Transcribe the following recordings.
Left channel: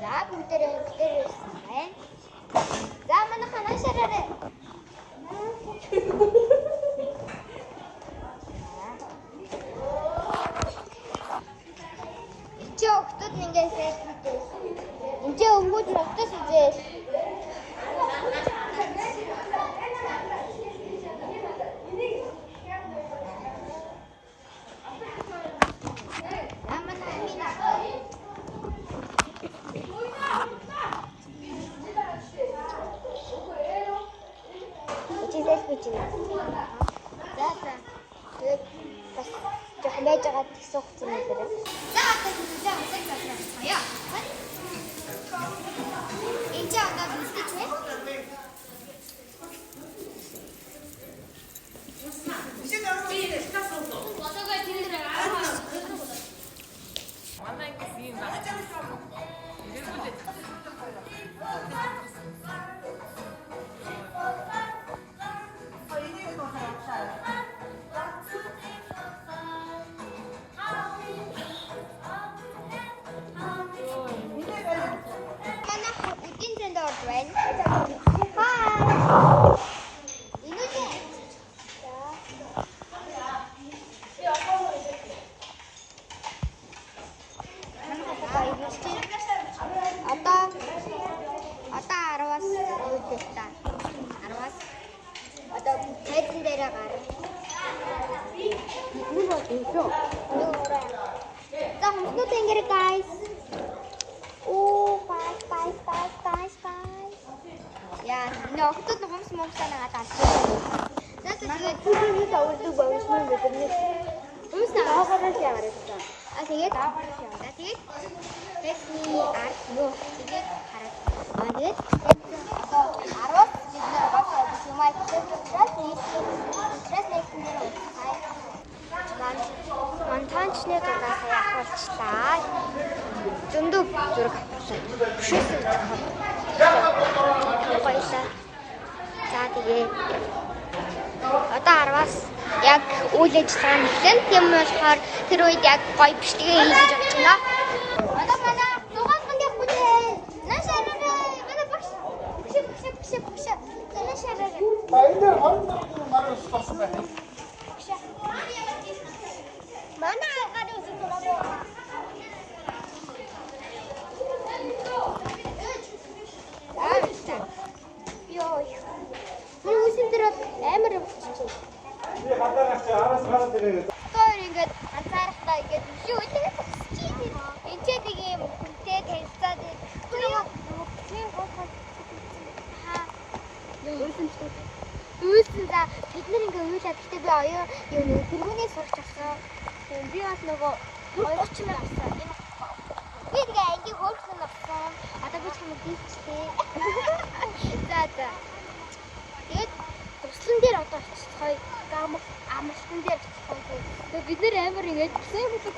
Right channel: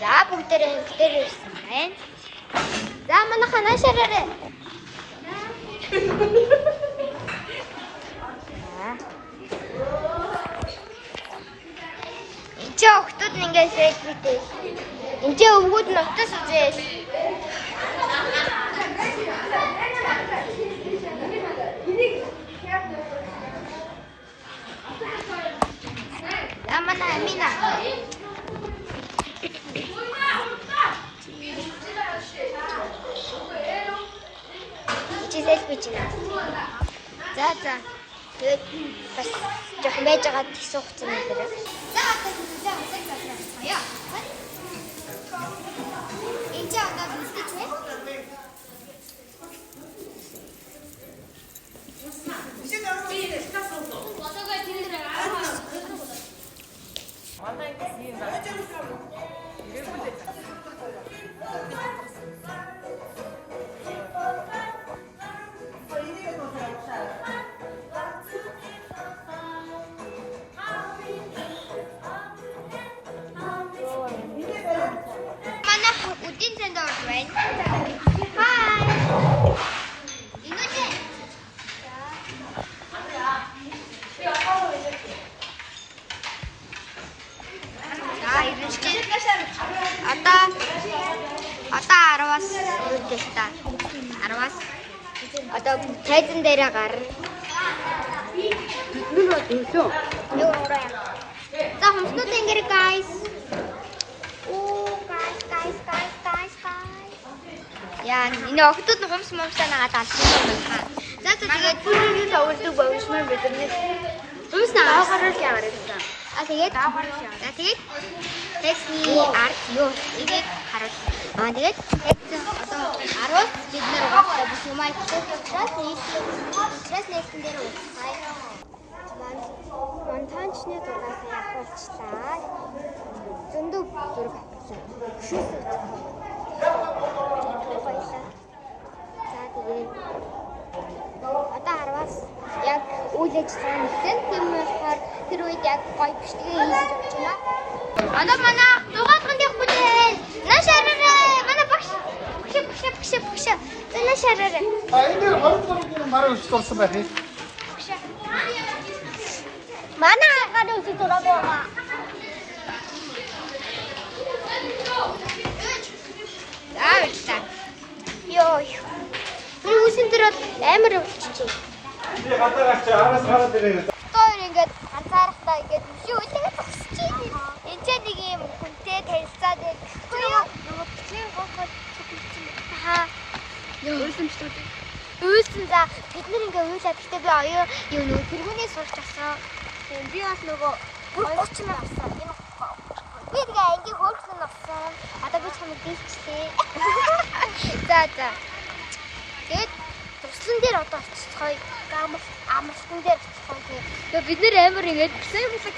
За бүгдээрээ дээр ирсэн байна. За манайхаа наашаарай. Энд охтууд ингээд сэрэгтэй. Энд өвгүүд нь утас үзээс. Амана амина. Ичээс бичнэ. За. Тэгээд бас жоохон байж байгаа тийсүү хуцсан юм дээр. За одоо үзээ усаг засраа. Энд одоо бүсгэж байна. Одоо тайзан дээрээ гар. Нүр өдөө. Нүрээ. За хүмүүс тэнгэр guys. Оо guys. Яа, энэ охтууд нь хумс момсаа нагаад алсан юм байна. За тэгээд түрүүний тавуулдаг бовшмаар биднээс хумс наагарал яагаад. Тэгээд текстний арт юу игээд харуулсан. Тэгээд одоо 10-аас бид нэр угаасаа биш юм аа нэстэн дээр уусаа. Монтажны дугаас явуулчлаа. Зөндөө зураг авсан. Шүсэн гоёлаа. За тэгээ одоо 10-аас яг үйл ажиллагаа нэгэн юм болохоор тэр үед яг гоё бичлэгээ хийж бодож байна. Одоо манай дугаалганд явах бүлээ. Наашаарай. Манай багш. Наашаарай. Баяр хоолтой мараа өчтөлсөн байх юм. Манай хагаад үсэг дураагаа. Заавал. Йоо. Би үсэн дээр амар өвччихээ. Би хатаагаач араас гараад ирээ. Тоор ингээд ганцаархтаа ингээд өшөө үлээ босчих. Энд ч нэг юм хүнтэй танилцаад нөгөө тийм гоо хаа. Үйлсэн за бид нар ингээ уйлаад гэхдээ би оюу юу нөгөө тэргүүний сурч авсан. Би бас нөгөө 30 мянга авсан. Би ингээ анги хөөрхөн авсан. Одоо би чамд дийчтэй. За. Тэгээд туслан дээр одоо очицгоё. Амарсан дээр очицгоё. Тэгээд бид нэр амар ингээд гисэн юм гэсэн.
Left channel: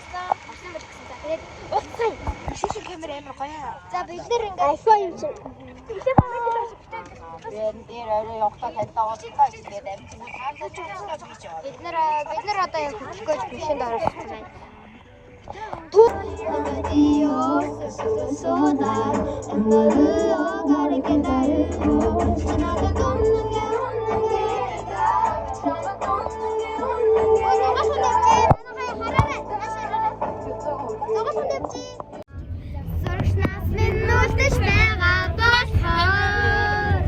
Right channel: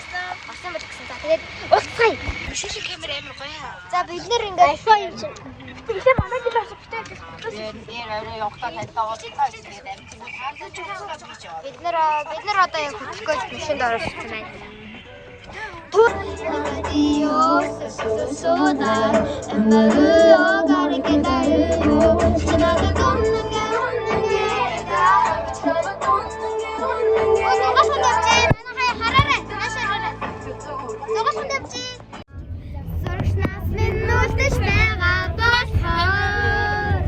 Орсон байж гисэн. За тэгээд уулзъя. Шишин камер амар гоё. За бид нэр ингээд Дээр орой явахтаа тайлбараа бид нар одоо яг хөдөлгөөж машинд оруулсан байна. Сурагчнаас минь нүлдэж байгаа болохоор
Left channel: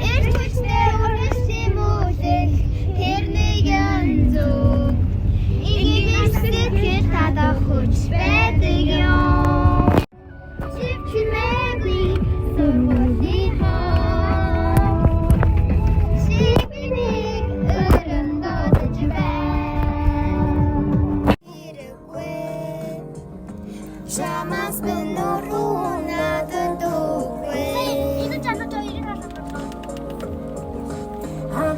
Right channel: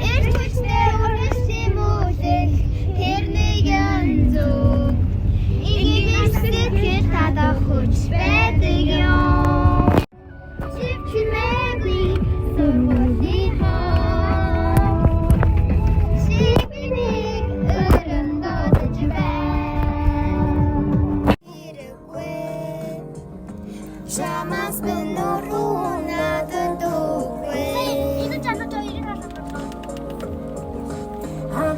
эрт хүчтэй үргэлжлэн мөлөх тэр нэгэн зүг игээр сэтгэл татах хүч байдаг юм. Чимээгүй сургуулийн хаа шибнийг өрөндөөж байна. Шамас бэнурууна дүүгээ. Энэ чанаа то ирэх аа.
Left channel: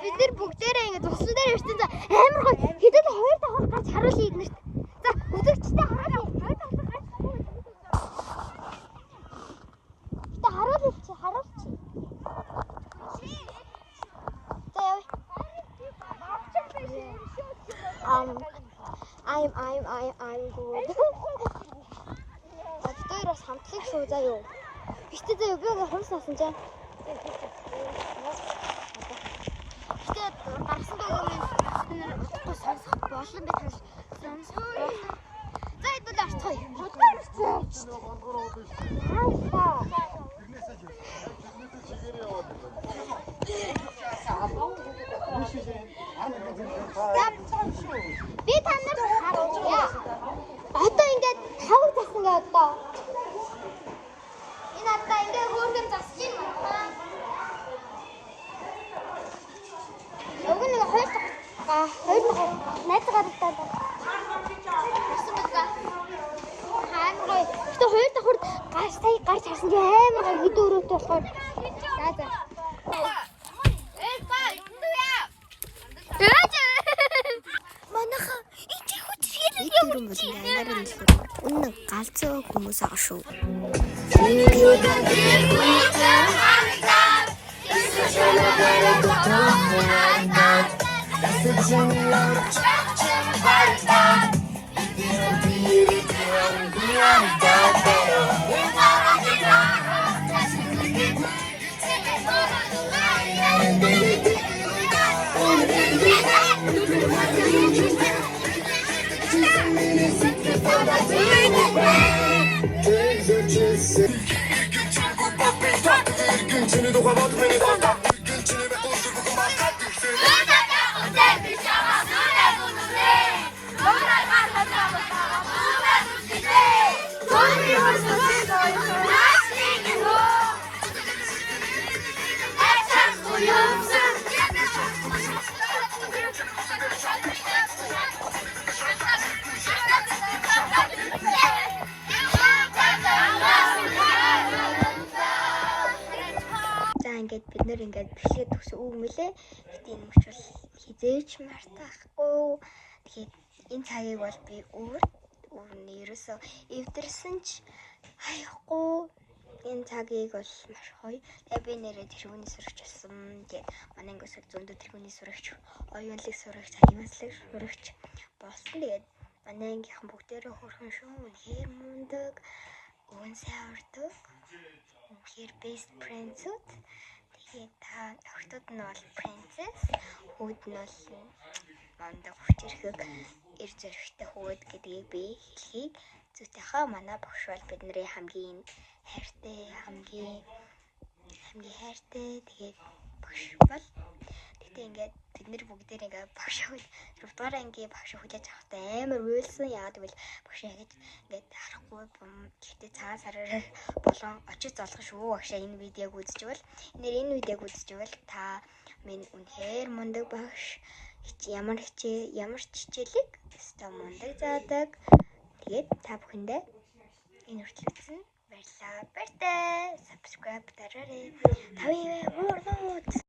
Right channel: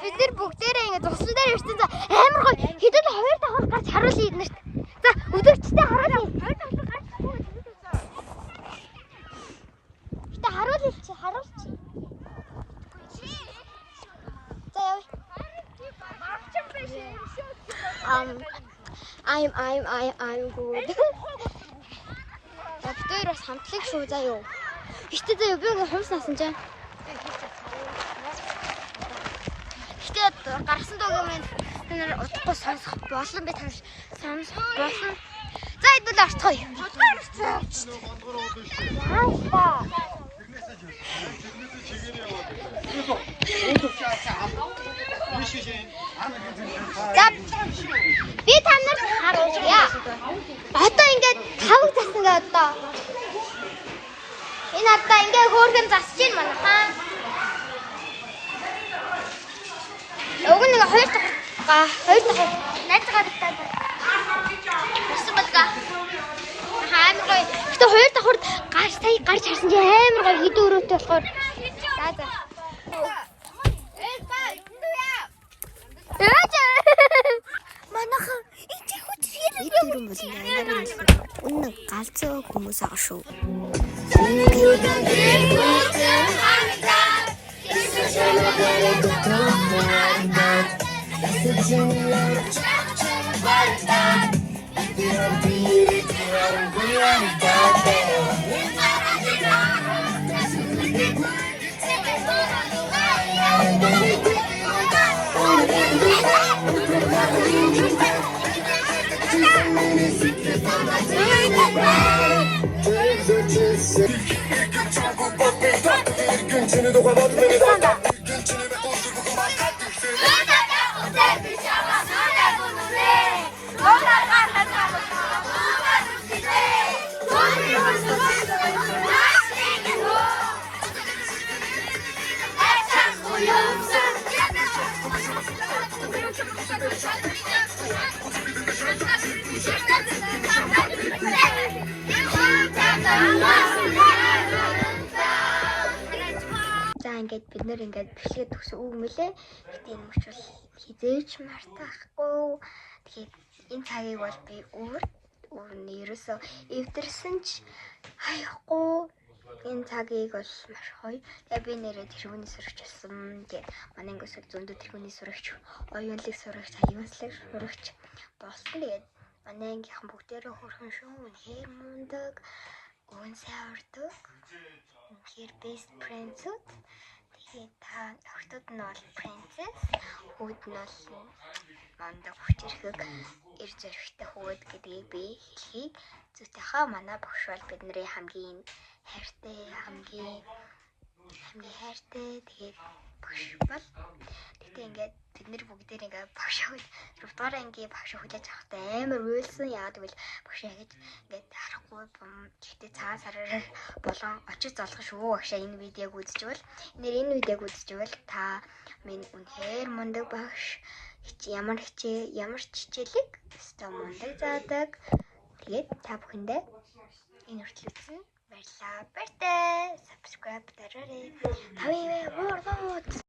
Бид нар бүгдээрээ ингэ туслан дээр ирсэн за амар гоё хэдэн 2-5 гарч харуулъя эднэрт. За өдөрчтэй харуулъя. 2-5 гарч. Гэтэ харуулъя. За явъя. I'm good. Битээр бас хамтлаг шүү заа юу. Гэтэ заа юу би хумс насан чинь. Гэтэ гарсан дуугийн минь удахгүй сонсох болон би тань сонсох болон. За хэдүүл орцгоё. Яаста. Би танарт харуулъя. Одоо ингээд тавг засан гээ одоо. Энэ одоо ингээд хөөргөн засаж байна манай хаан. Уг нэг хоёр дахь найзгаа дагтаад. Ирсэн болгаа. Амар гоё. Гэтэ хоёр давхурд гарч харсан чи амар гоё хэдэн өрөөтэй болохоор. За. Манайха энэ хүч хэрэг Бид дөрөв болон ангарын нэлээр үнэн галзуу хүмүүс аа шүү. Ингээд бид нэр ингээд бичлэгээ төгсөн үг мөлий. Гэтэ энэ мөч бол хизээч мартахгүй. Тэгэхээр энэ цагийг бол би өөрнөө ерөөсөө эвдэрсэн ч хаяхгүй. Энэ цагийг бол маш гоё. Тэгээ би нэрээ тэрхүүний сурагч болсон. Тэгээ манай ангиас зөндөө тэрхүүний сурагч, оюунлаг сурагч, аюунслаг сурагч болсон. Тэгээд манай ангийнхан бүгдээрээ хөрхөн шүү. Үнэхээр мундаг, өвөн сайн урдаг. Үнэхээр best friends-үүд. Тэгээд та охтууд нь бол princess, хүүд нь бол мандаа хүчирхэг эр зоригтой хүүд гэдгийг би хэлхийг зүйтэйхаа манай багш бол бидний хамгийн хайртай тэгээд багш бол тэгтээ ингээд бид нар бүгдээр ингээд багш хөл 4 дугаар ангийн багш хүлээж авахтай амар уйлсан. Яагаад гэвэл багш ингээд харахгүй гэхдээ цаа сараар болон очиж золгох шүү. Багшаа энэ видеог үзчихвэл та минь үнэхээр мундаг багш. Ямар хичээлэг өстой мундаг заадаг. Тэгээд та бүхэндээ энэ хүртэл үзсэн баярлалаа. Баяртай. Subscribe дараарай. Тавь муу